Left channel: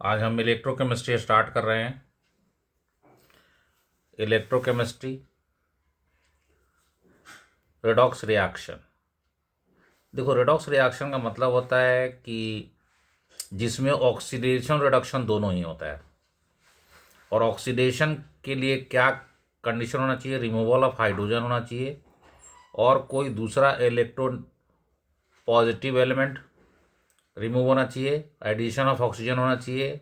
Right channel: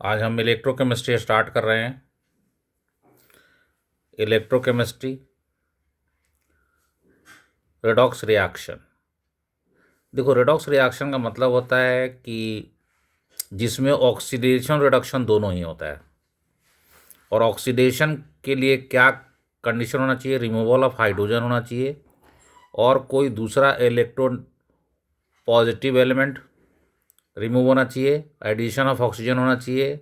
आज हम electrochemistry start कर रहे हैं। Electrochemistry, redox reaction. देखो, रेडॉक्स रिएक्शन का मतलब होता है कि जिसमें ऑक्सीडेशन रिडक्शन दोनों ही होता है। और ऑक्सीडेशन के लिए क्या कंडीशन होना चाहिए? रिमूवल ऑफ हाइड्रोजन होना चाहिए और कोई दूसरा इलेक्ट्रॉन पॉजिटिव एलिमेंट रिमूव होना चाहिए, एडिशन ऑफ ऑक्सीजन होना चाहिए,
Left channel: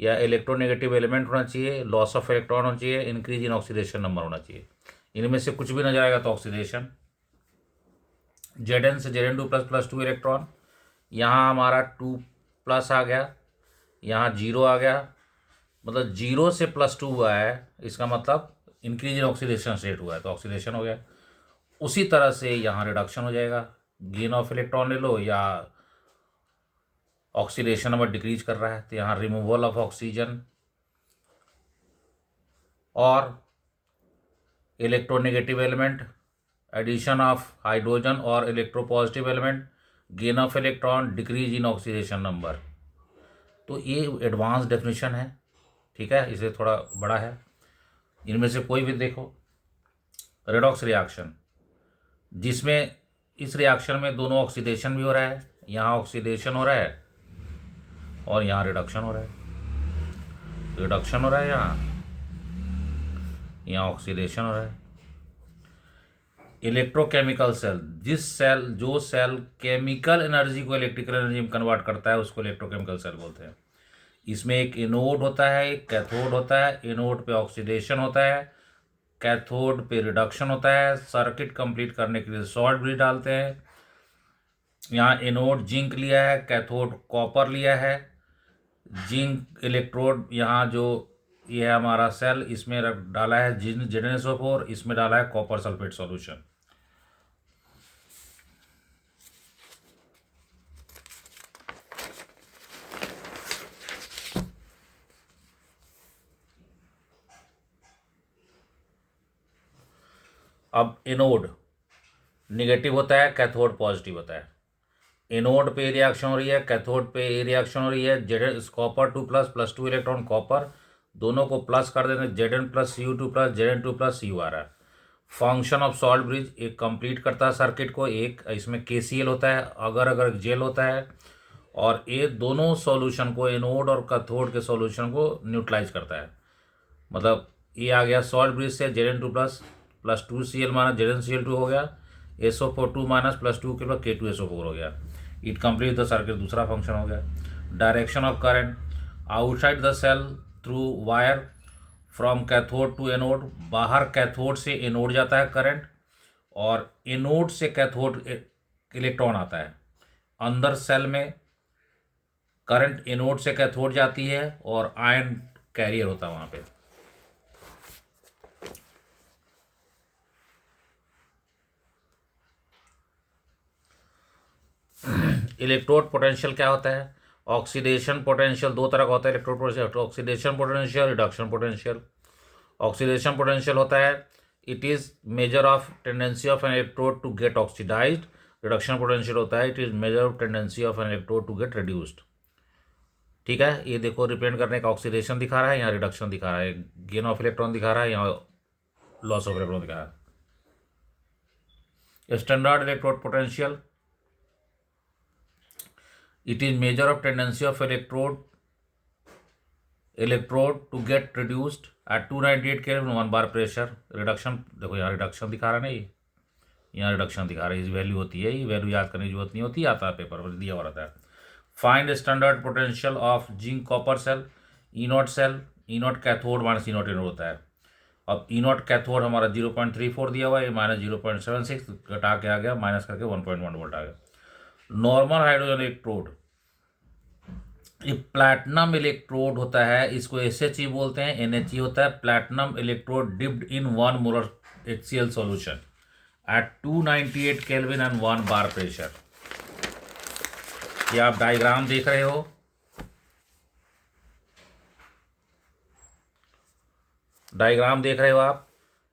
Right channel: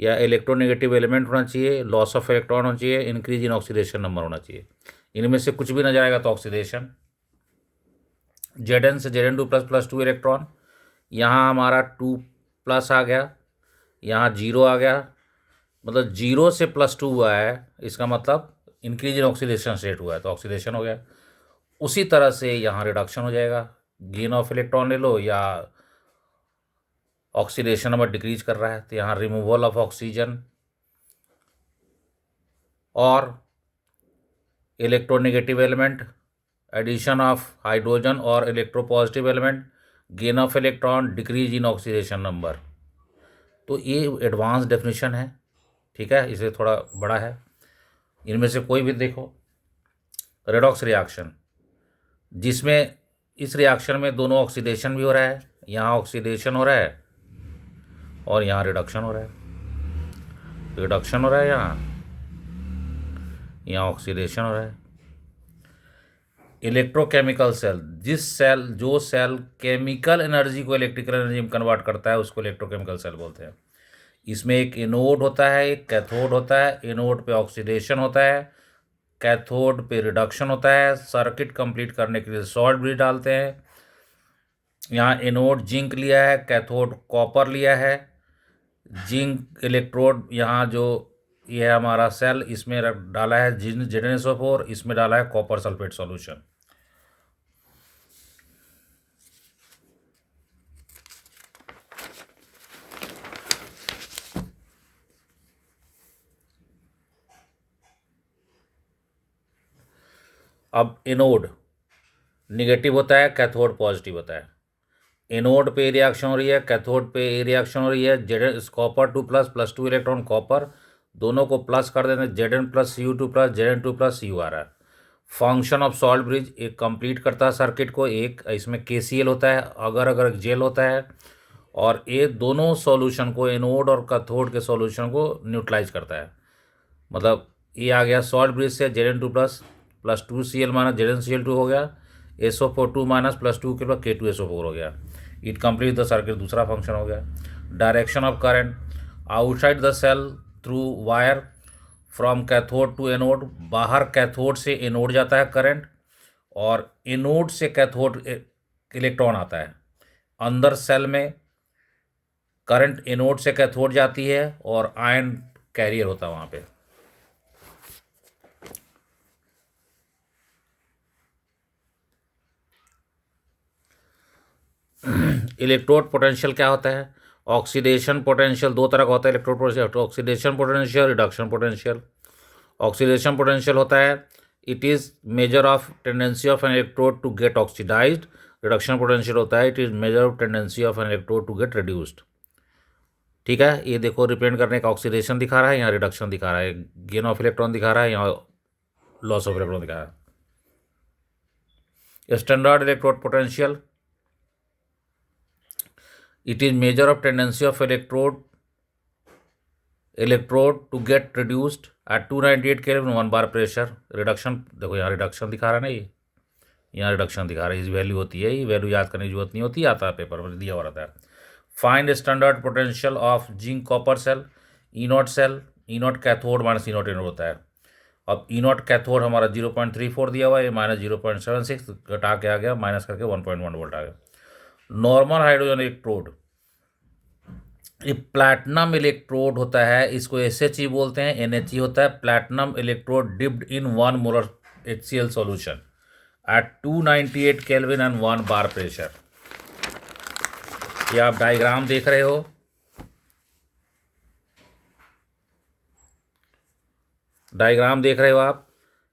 या इलेक्ट्रोनेगेटिव एलिमेंट होना चाहिए, लॉस ऑफ इलेक्ट्रॉन होना चाहिए, इंक्रीज इन ऑक्सीडेशन नंबर होना चाहिए। इनमें से कुछ भी नजर आएगा तो ऑक्सीडेशन। Zn से Zn2 प्लस प्लस 2 इलेक्ट्रॉन, यहाँ हमारा 2 प्लस आ गया, यहाँ 0 आ गया, मतलब 0 से +2 हुआ है, इसका मतलब इंक्रीज इन ऑक्सीडेशन स्टेट हुआ है तो ऑक्सीडेशन हो गया। उसी तरह से यहाँ रिडक्शन हो जाएगा, गेन ऑफ इलेक्ट्रॉन ले लो या ऑक्सीडेशन नंबर डिक्रीज कर रहा है तो यहाँ रिमूवल ऑफ ऑक्सीजन और electronegative element, addition of hydrogen और electropositive element, gain of electron, decrease in oxidation number. तो ये एडवांस डेफिनेशन है, ठीक है, इसे थोड़ा बड़ा है। इनमें से कोई भी देखो, रेडॉक्स रिएक्शन जिसमें इस रिएक्शन में दोनों ऑक्सीडेशन भी हो रहा है, यहाँ ऑक्सीडेशन हो रहा है और यहाँ रिडक्शन हो रहा है, रिडक्शन हो रहा है, यहाँ ऑक्सीडेशन हो रहा है। इलेक्ट्रोकेमिकल सेल, जो सेल केमिकल एनर्जी को इलेक्ट्रिकल एनर्जी में कन्वर्ट करता है उसको इलेक्ट्रोकेमिकल सेल बोलते हैं। इसमें एक एनोड होता है, एक कैथोड होता है। एनोड पे ऑक्सीडेशन होता है, कैथोड पे रिडक्शन होता है। सर्किट कंप्लीट करने के लिए सॉल्ट भी डालते हैं। यहाँ एनोड जिंक लिया है, कैथोड कॉपर लिया है। जिंक इलेक्ट्रोड यहाँ जो ये है हमारा सेल, इसमें डाला है Zn4, इसमें डाला है कॉपर सल्फेट सॉल्यूशन। अब एनोड निगेटिव होता है, कैथोड पॉजिटिव होता है। एनोड पे रिएक्शन हो रही है, कैथोड पे रिएक्शन हो रही है। Z copper 2 plus plus 2 electron copper, दोनों को प्लस कर देते हैं, Zn plus Cu2 plus Zn2 plus Cu आ रहा है। फंक्शन ऑफ सॉल्ट ब्रिज एक कंप्लीट करता है सर्किट को। एक इसमें KCl होता है, अगर अगर जेल होता है, और ये दोनों सॉल्यूशन को, एनोड और कैथोड के सॉल्यूशन को न्यूट्रलाइज करता है। मतलब ये आ गया सॉल्ट ब्रिज से Zn2 plus plus 2Cl minus ZnCl2 हो गया, SO4 2 माइनस प्लस 2 के बाद K2SO4 हो गया। इट कंप्लीट द सर्किट, दूसरा फंक्शन हो गया। Direction of current outside the cell through wire from cathode to anode, बाहर कैथोड से एनोड जाता है करंट, और एनोड से कैथोड इलेक्ट्रॉन आता है। अंदर सेल में करंट एनोड से कैथोड जाती है और आयन कैरियर होता है वहाँ पे। इलेक्ट्रोड पोटेंशियल क्या होता है? ऑक्सीडेशन पोटेंशियल दो तरह का होता है electrode potential, oxidation potential, reduction potential. Oxidation potential होता है it is measure of tendency of an electrode to get oxidised. Reduction potential होता है it is measure of tendency of an electrode to get reduced. ठीक है, ये देखो represent करने का ऑक्सीडेशन दिखा रहा है, यहाँ रिडक्शन दिखा रहा है, गेन ऑफ इलेक्ट्रॉन दिखा रहा है, यहाँ लॉस ऑफ इलेक्ट्रॉन दिखा रहा है। Standard electrode potential, it is measure of tendency of electrode to get reduced at 298 Kelvin 1 bar pressure। Reduction देखो, यहाँ रिडक्शन दिखा रहा है ना, ये यहाँ रिडक्शन दिखा रहा है, इस वैल्यू होती है, ये वैल्यू याद करने की जरूरत नहीं होती, आता है पेपर में दिया हुआ रहता है। Find standard potential of zinc copper cell, E cell, E cathode minus E anode होता है। अब ई कैथोड हमारा 0.34 दिया हुआ है, माइनस 0.76 घटा के आ गया, माइनस करके 1.1 वोल्ट आ गया। नॉर्मल हाइड्रोजन इलेक्ट्रोड, ये प्लैटिनम इलेक्ट्रोड होता है, इसको SHE बोलते हैं, NHE होता है। Platinum electrode dipped in 1 molar HCl solution at 298 kelvin and 1 bar pressure. ये आप डायग्राम देख रहे हो, डायग्राम देख रहे हो आप,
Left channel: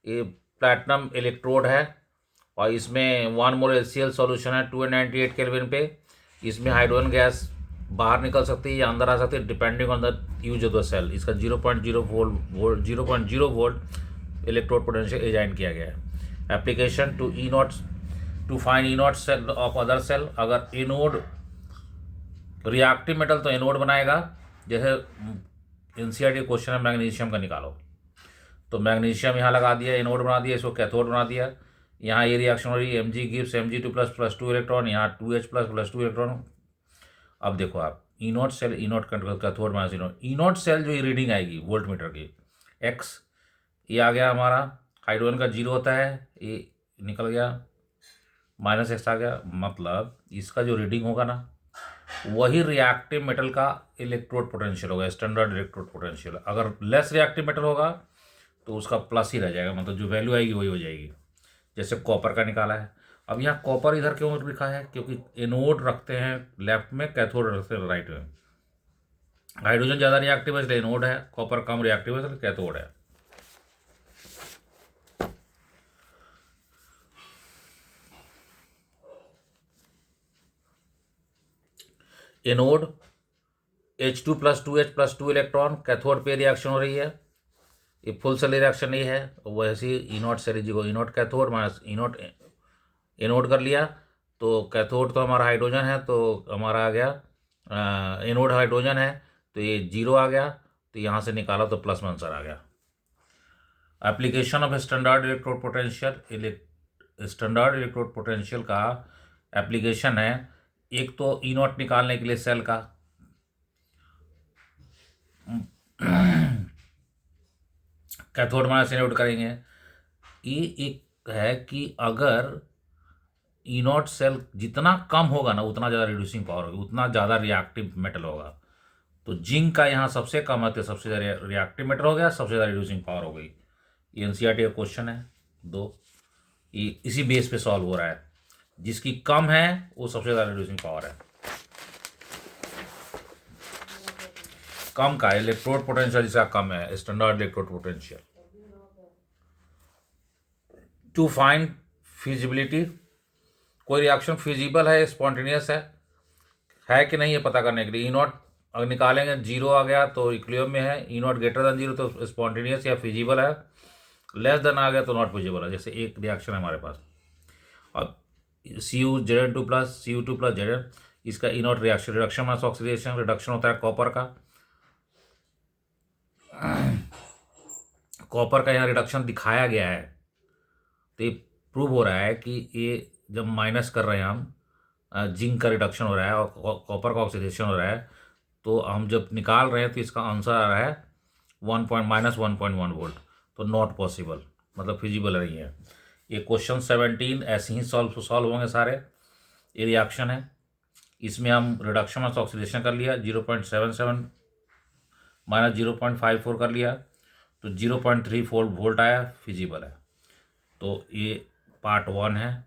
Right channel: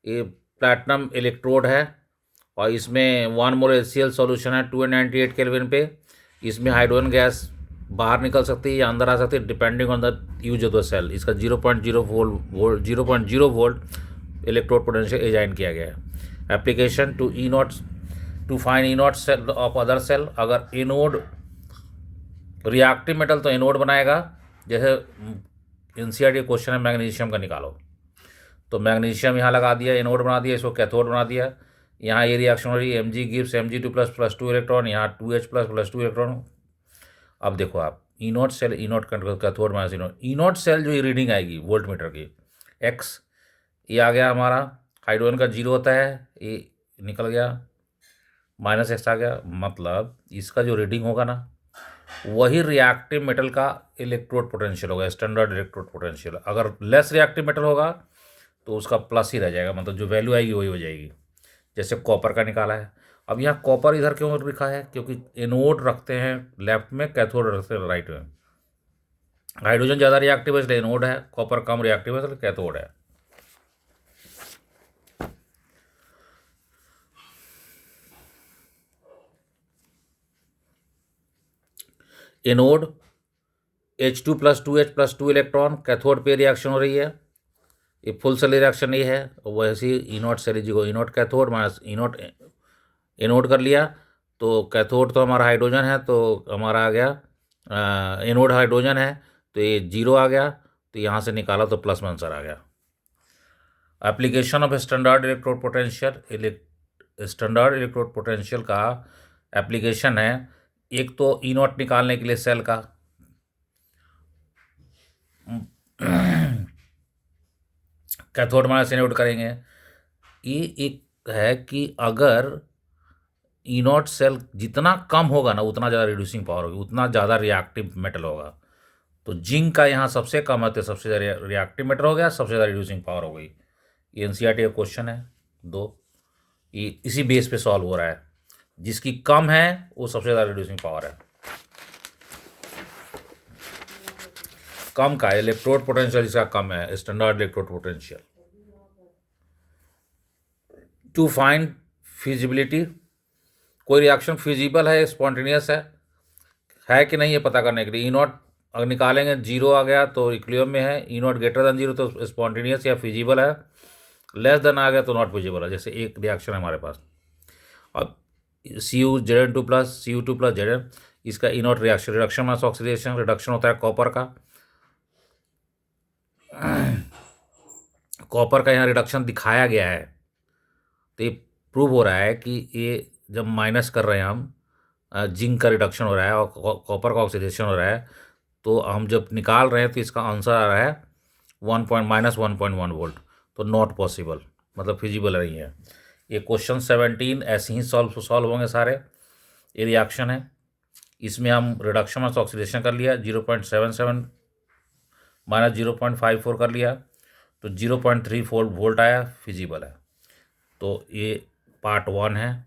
ये प्लैटिनम इलेक्ट्रोड है और इसमें 1 मोलर HCl सॉल्यूशन है 298 केल्विन पे। इसमें हाइड्रोजन गैस बाहर निकल सकती है या अंदर आ सकती है depending on the use of the cell. इसका 0.0 वोल्ट इलेक्ट्रोड पोटेंशियल डिजाइन किया गया है। Application to E nought to find E nought cell of other cell. अगर एनोड रिएक्टिव मेटल तो एनोड बनाएगा, जैसे एनसीईआरटी क्वेश्चन है मैग्नीशियम का निकालो, तो मैग्नीशियम यहाँ लगा दिया, एनोड बना दिया, इसको कैथोड बना दिया। यहाँ ये रिएक्शन हो रही है, Mg gives Mg2 plus 2 electron, यहाँ 2H प्लस 2 इलेक्ट्रॉन। अब देखो आप ई नोट सेल, ई नोट कैथोड माइनस ई नोट सेल जो रीडिंग आएगी वोल्ट मीटर की x, ये आ गया हमारा हाइड्रोजन का 0 होता है, ये निकल गया -x आ गया। मतलब इसका जो रीडिंग होगा ना वही रिएक्टिव मेटल का इलेक्ट्रोड पोटेंशियल होगा, स्टैंडर्ड इलेक्ट्रोड पोटेंशियल। अगर लेस रिएक्टिव मेटल होगा तो उसका प्लस ही रह जाएगा, मतलब जो वैल्यू आएगी वही हो जाएगी। जैसे कॉपर का निकाला है। अब यहाँ कॉपर इधर क्यों लिखा है, क्योंकि एनोड रखते हैं लेफ्ट में, कैथोड रखते हैं राइट में। हाइड्रोजन ज़्यादा रिएक्टिव है इसलिए एनोड है, कॉपर कम रिएक्टिव है इसलिए कैथोड है। Anode H2 plus 2H plus 2 electron, cathode पे रिएक्शन हो रही है, ये फुल सेल रिएक्शन नहीं है। वैसे ही ई नॉट सेल को E naught cathode minus E naught anode कर लिया, तो कैथोड तो हमारा हाइड्रोजन है, तो हमारा आ गया एनोड हाइड्रोजन है, तो ये 0 आ गया, तो यहाँ से निकाला तो प्लस में आंसर आ गया। Application of standard electrode potential, standard electrode potential का एप्लीकेशन है, एक तो ई नॉट निकालने के लिए सेल का कैथोड माइनस एनोड करेंगे। ये एक है कि अगर ई नॉट सेल जितना कम होगा ना उतना ज़्यादा रिड्यूसिंग पावर होगी, उतना ज़्यादा रिएक्टिव मेटल होगा। तो जिंक का यहाँ सबसे कम है तो सबसे ज़्यादा रिएक्टिव मेटल हो गया, सबसे ज़्यादा रिड्यूसिंग पावर हो गई। ये एनसीईआरटी का क्वेश्चन है 2, ये इसी बेस पे सॉल्व हो रहा है। जिसकी कम है वो सबसे ज़्यादा रिड्यूसिंग पावर है। कम का इलेक्ट्रोड पोटेंशियल जिसका कम है, standard electrode potential. To find feasibility, कोई रिएक्शन फिजिबल है, स्पॉन्टेनियस है कि नहीं ये पता करने के लिए। ई नॉट अगर निकालेंगे 0 आ गया तो इक्विलिब्रियम में है, ई नॉट ग्रेटर देन 0 तो स्पॉन्टेनियस या फिजिबल है, लेस देन आ गया तो नॉट फिजिबल है। जैसे एक रिएक्शन है हमारे पास, अब Cu plus Cu2 plus Zn, इसका E naught reaction reduction minus oxidation, reduction होता है कॉपर का। कॉपर का यहाँ रिडक्शन दिखाया गया है, तो ये प्रूव हो रहा है कि ये जब माइनस कर रहे हैं हम, जिंक का रिडक्शन हो रहा है और कॉपर का ऑक्सीडेशन हो रहा है, तो हम जब निकाल रहे हैं तो इसका आंसर आ रहा है -1.1 वोल्ट, तो नॉट पॉसिबल, मतलब फिजिबल नहीं है। ये क्वेश्चन 17 ऐसे ही सॉल्व होंगे सारे। ये रिएक्शन है, इसमें हम रिडक्शन ऑफ ऑक्सीडेशन कर लिया, 0.77 माइनस 0.54 कर लिया, तो 0.34 वोल्ट आया, फिजिबल है। तो ये पार्ट 1 है।